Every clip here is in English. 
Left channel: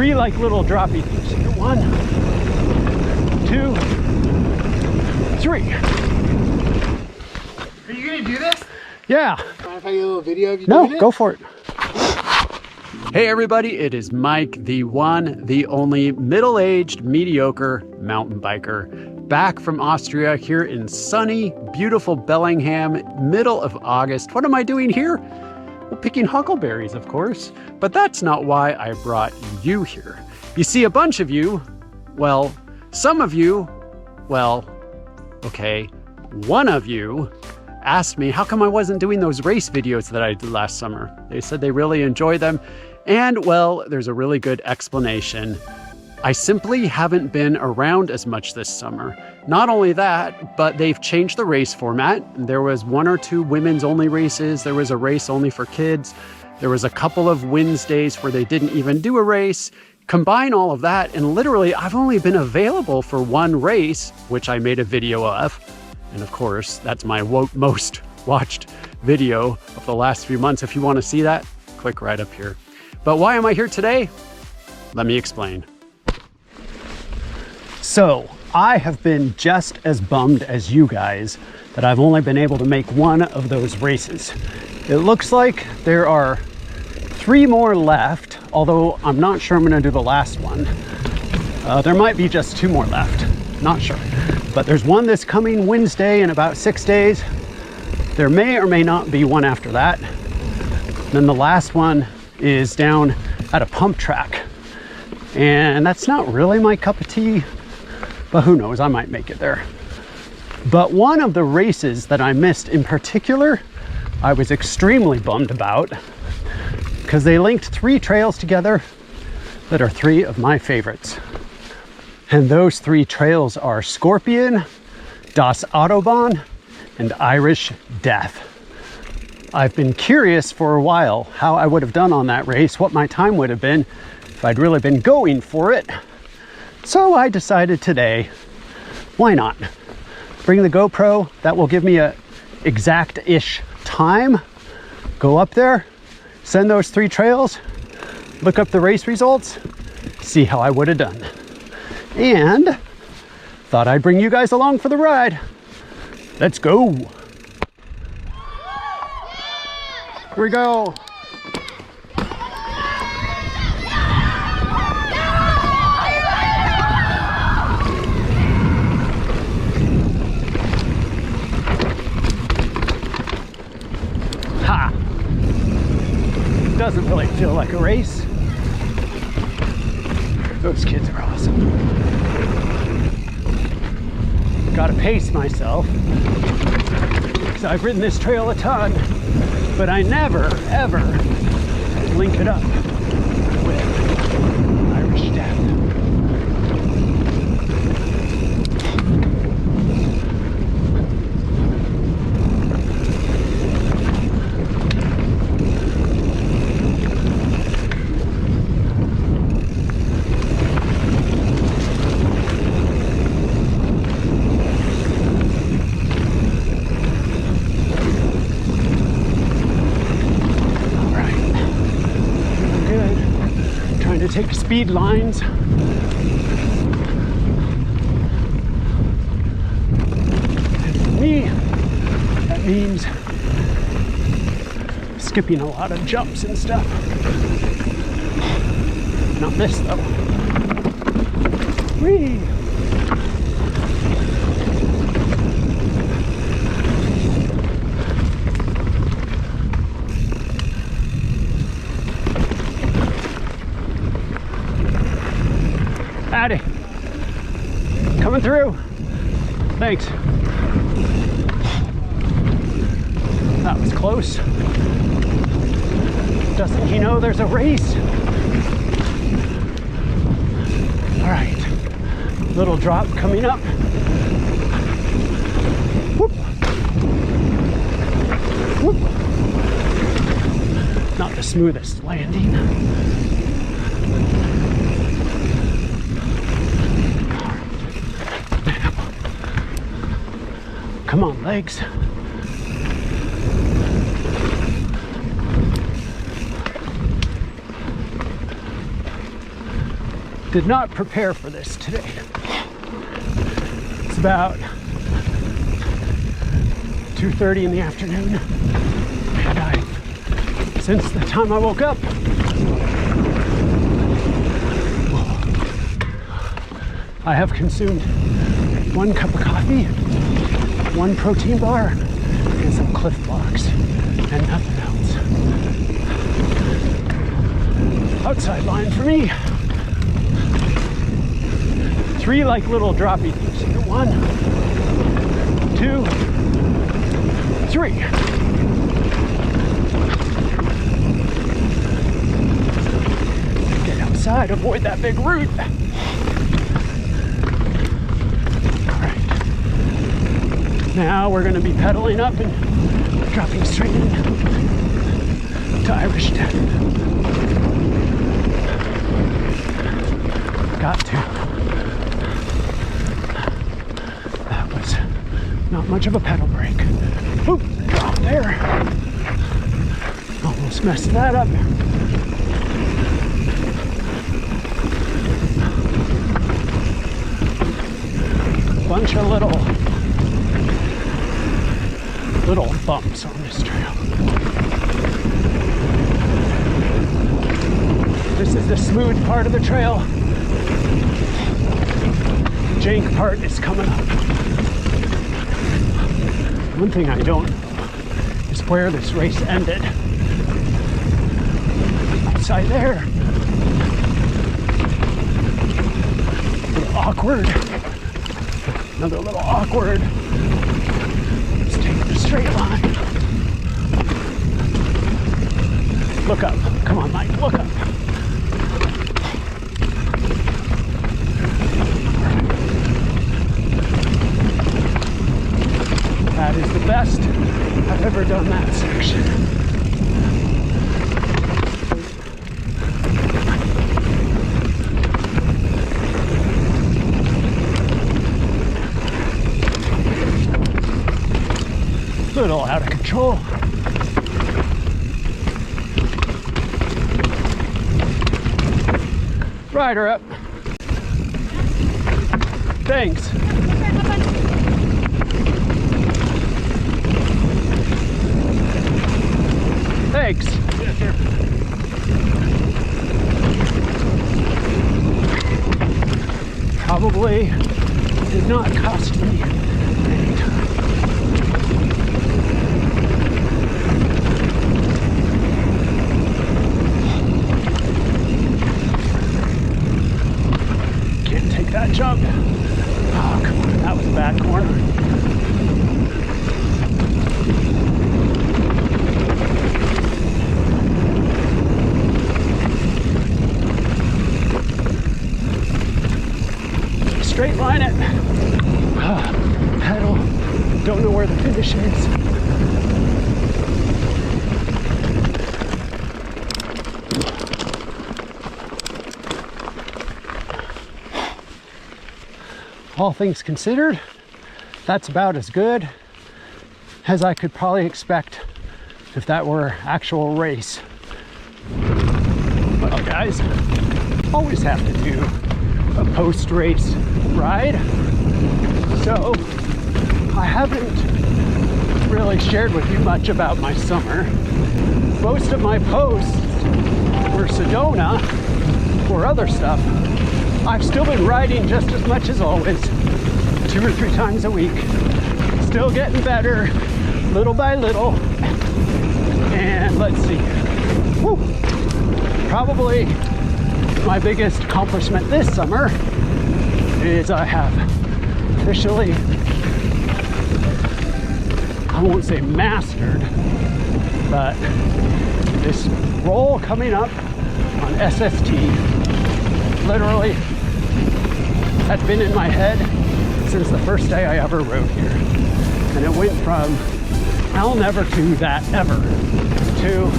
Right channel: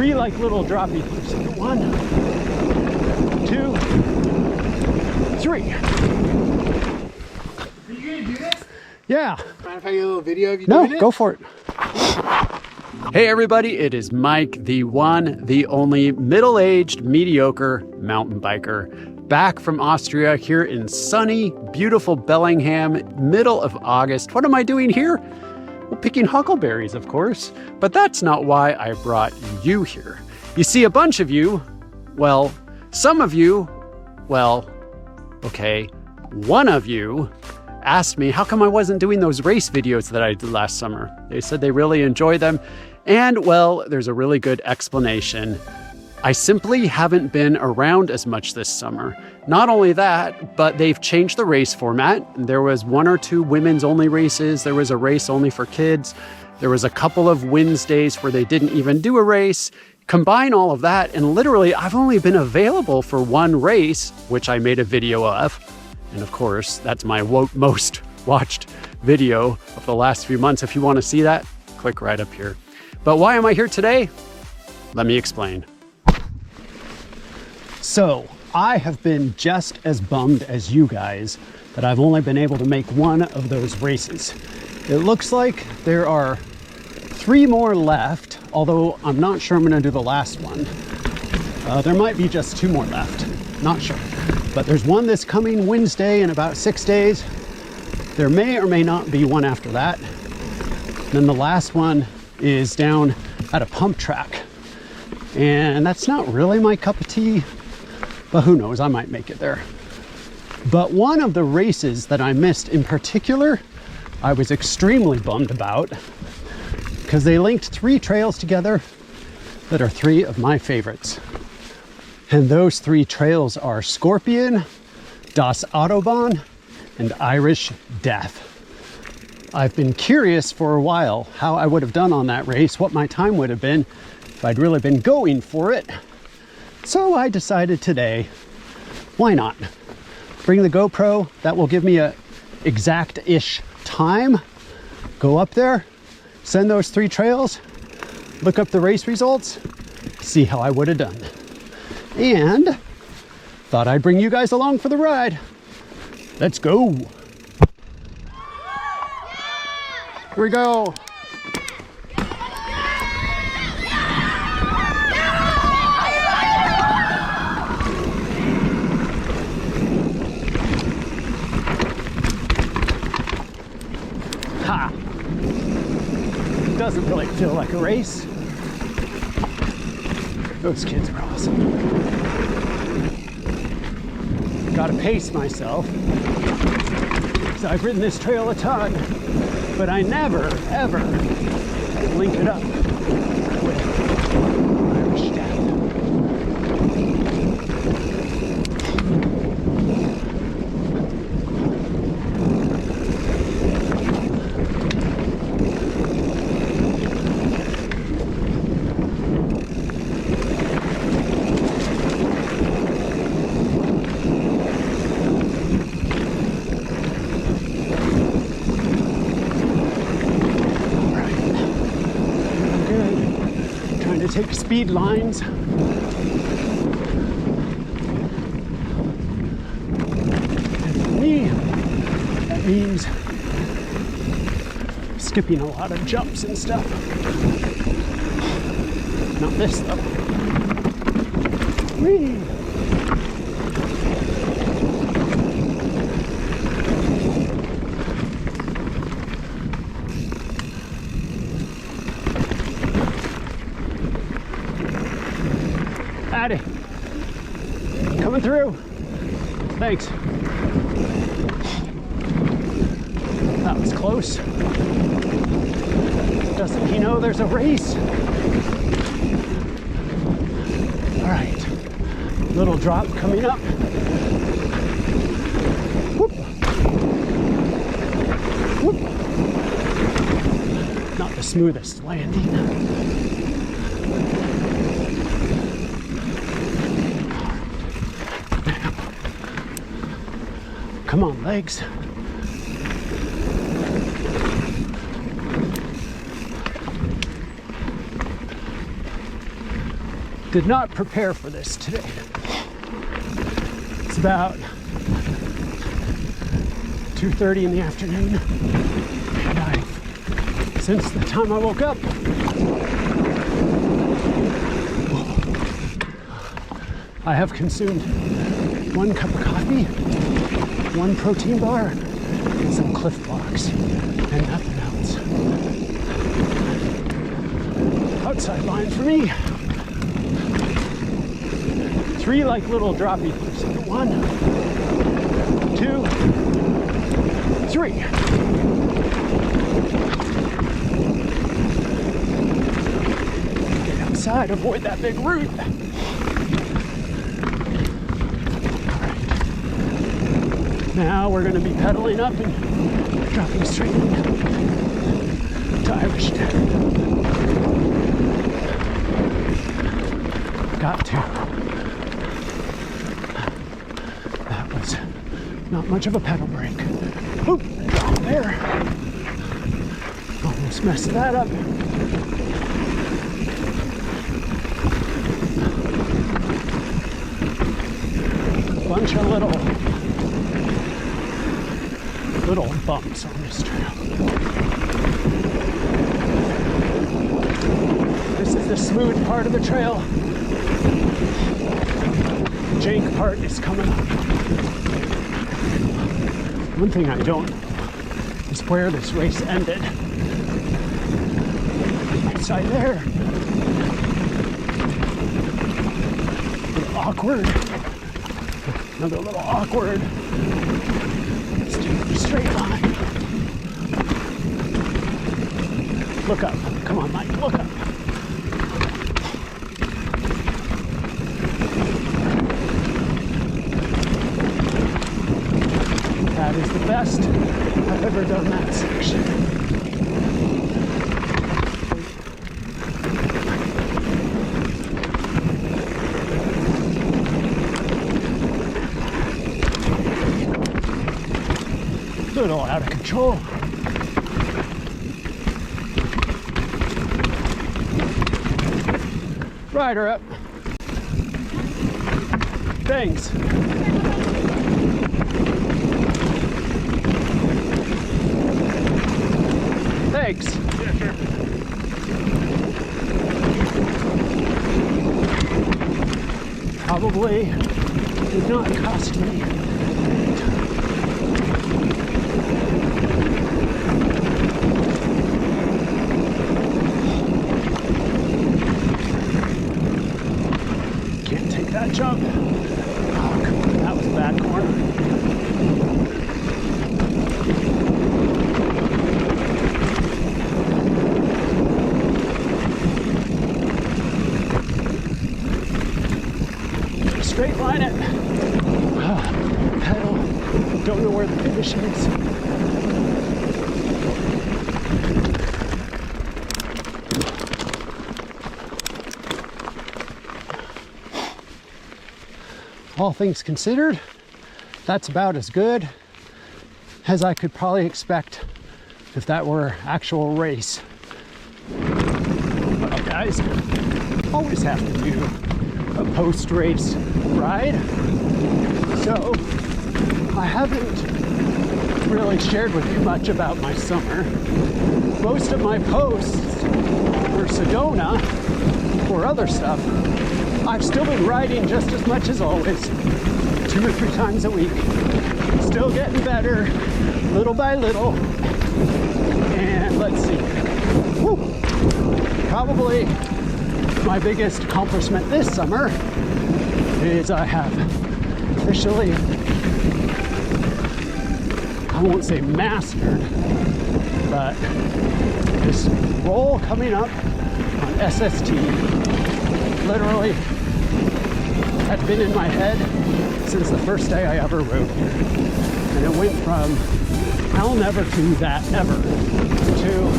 3 like little droppy things. 1, 2, 3. Are you gonna do this? Yeah. Mind if I get a little video of you No, doing it? go for it. Hey everybody, it is Mike, the one, the only middle-aged, mediocre mountain biker, back from Austria here in sunny, beautiful Bellingham, middle of August. What am I doing here? Well, picking huckleberries, of course, but that's not why I brought you here. You see, a bunch of you, well, some of you, well, okay, one of you asked me how come I wasn't doing those race videos that I did last summer. They said they really enjoy them. And well, there's a really good explanation. I simply haven't been around as much this summer. Not only that, but they've changed the race format. There was 1 or 2 women's only races. There was a race only for kids. There was a couple of Wednesdays where they didn't even do a race. Combine all of that, and literally I've only been available for 1 race, which I made a video of. And of course, that's my most watched video of the last few months. If you want to see that, click right up here. But why am I here today? Let me explain. So, I have been just as bummed as you guys that I've only been able to make 1 of those races. It looks like there are 3 more left, although I'm not sure I'm going to do the last one. There might be just 2 more left, not sure. But there's one this coming Wednesday in about 6 days. There may or may not be one after that. Then the last one is down at a pump track. And that's not really my cup of tea, but who knows, I might make it there. But one of the races that I missed in particular, I was extremely bummed about because they linked 3 trails together that are 3 of my favorites. And those 3 trails are Scorpion, Das Autobahn, and Irish Death. I've been curious for a while how I would have done on that race, what my time would have been if I'd really been going for it. So I decided today, why not? Bring the GoPro, that will give me a exact-ish time. Go up there, send those 3 trails, look up the race results, see how I would have done. And thought I'd bring you guys along for the ride. Let's go. Here we go. Ha! Doesn't really feel like a race. Those kids are awesome. Gotta pace myself because I've ridden this trail a ton, but I never, ever link it up with Irish Death. To take speed lines. And for me, that means skipping a lot of jumps and stuff. Not this though. Whee! Addy, coming through. Thanks. That was close. Doesn't he know there's a race? All right, little drop coming up. Whoop. Whoop. Not the smoothest landing. Come on, legs. Did not prepare for this today. It's about 2:30 in the afternoon, and since the time I woke up, I have consumed 1 cup of coffee, 1 protein bar, and some Cliff Blocks, and nothing else. Outside line for me. 3 like little droppy things. 1, 2, 3. Get outside, avoid that big root. Now we're going to be pedaling up and dropping straight in to Irish Death. Got to. That was not much of a pedal brake. Oop, drop there. Almost messed that up. Bunch of little bumps on this trail. This is the smooth part of the trail. The jank part is coming up. One thing I don't know is where this race ended. Outside there. A little awkward. Another little awkward. Straight line. Look up. Come on, Mike. Look up. That is the best I've ever done that section. Little out of control. Rider up. Thanks. Thanks. Yeah, sure. Probably did not cost me any time. That jump. Oh, come on. That was a bad corner. Straight line it. Pedal. Don't know where the finish is. All things considered, that's about as good as I could probably expect if that were actual race. Well, guys, always have to do a post-race ride. So I haven't really shared with you much about my summer. Most of my posts for Sedona or other stuff, I've still been riding just as much as always, 2 or 3 times a week. Still getting better, little by little. And let's see. Woo. Probably my biggest accomplishment this summer is I have officially, I won't say mastered, but this roll coming up on SST literally had been in my head since the first day I ever rode here. And it went from I'll never do that ever to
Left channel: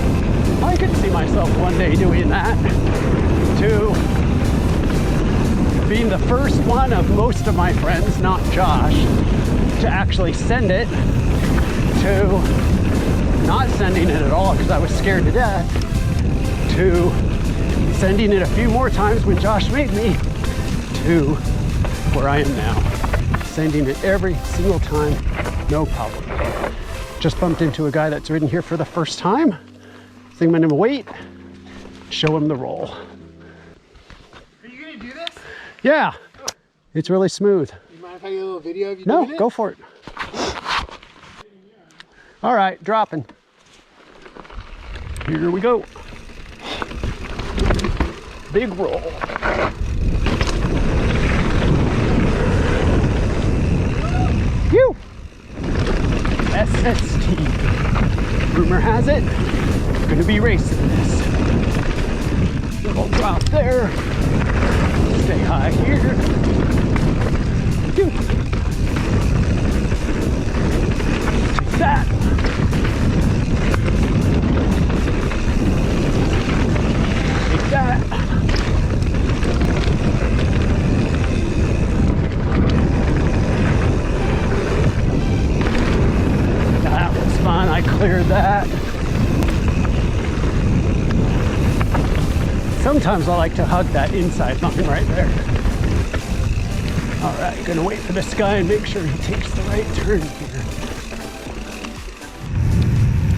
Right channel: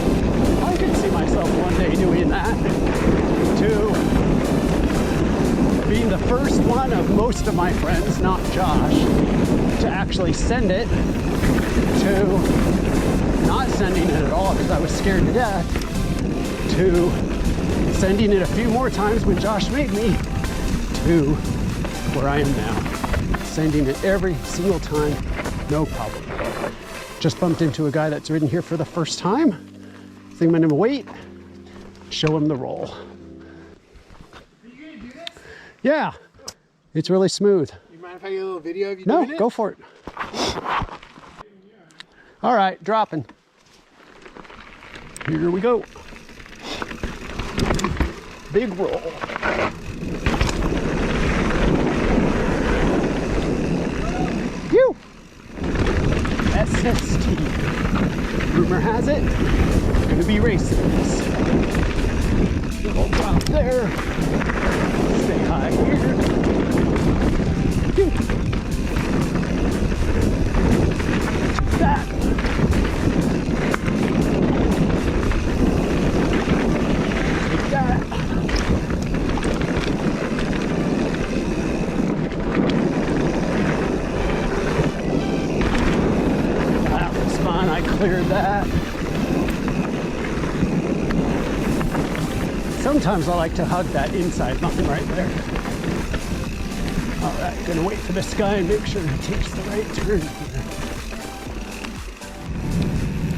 I could see myself one day doing that to being the first one of most of my friends, not Josh, to actually send it, to not sending it at all because I was scared to death, to sending it a few more times when Josh made me, to where I am now. Sending it every single time, no problem. Just bumped into a guy that's ridden here for the first time. Think I'm gonna wait, show him the roll. Are you gonna do this? Yeah, it's really smooth. You mind if I get a little video of you No, doing it? go for it. All right, dropping. Here we go. Big roll. Phew! SST. Rumor has it, gonna be racing this. Little drop there. Stay high here. Phew. Take that. Take that. That was fun. I cleared that. Sometimes I like to hug that inside line right there. All right, gonna wait for this guy and make sure he takes the right turn here.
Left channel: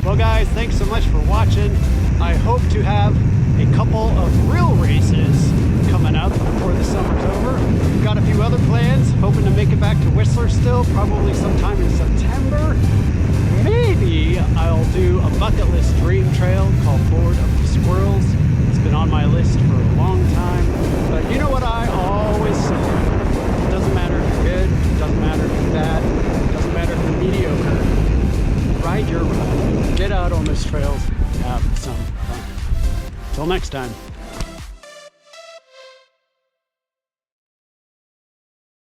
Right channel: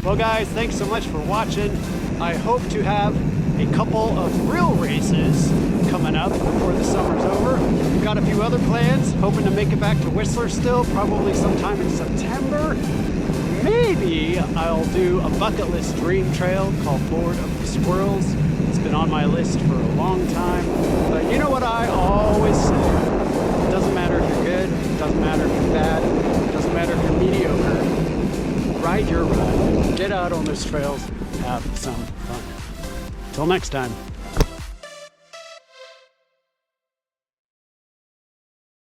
Well guys, thanks so much for watching. I hope to have a couple of real races coming up before the summer's over. We've got a few other plans, hoping to make it back to Whistler still, probably sometime in September. Maybe I'll do a bucket list dream trail called Lord of the Squirrels. It's been on my list for a long time, but you know what I always say, it doesn't matter if you're good, it doesn't matter if you're bad, it doesn't matter if you're mediocre. Ride your ride, get out on those trails, have some fun. Till next time.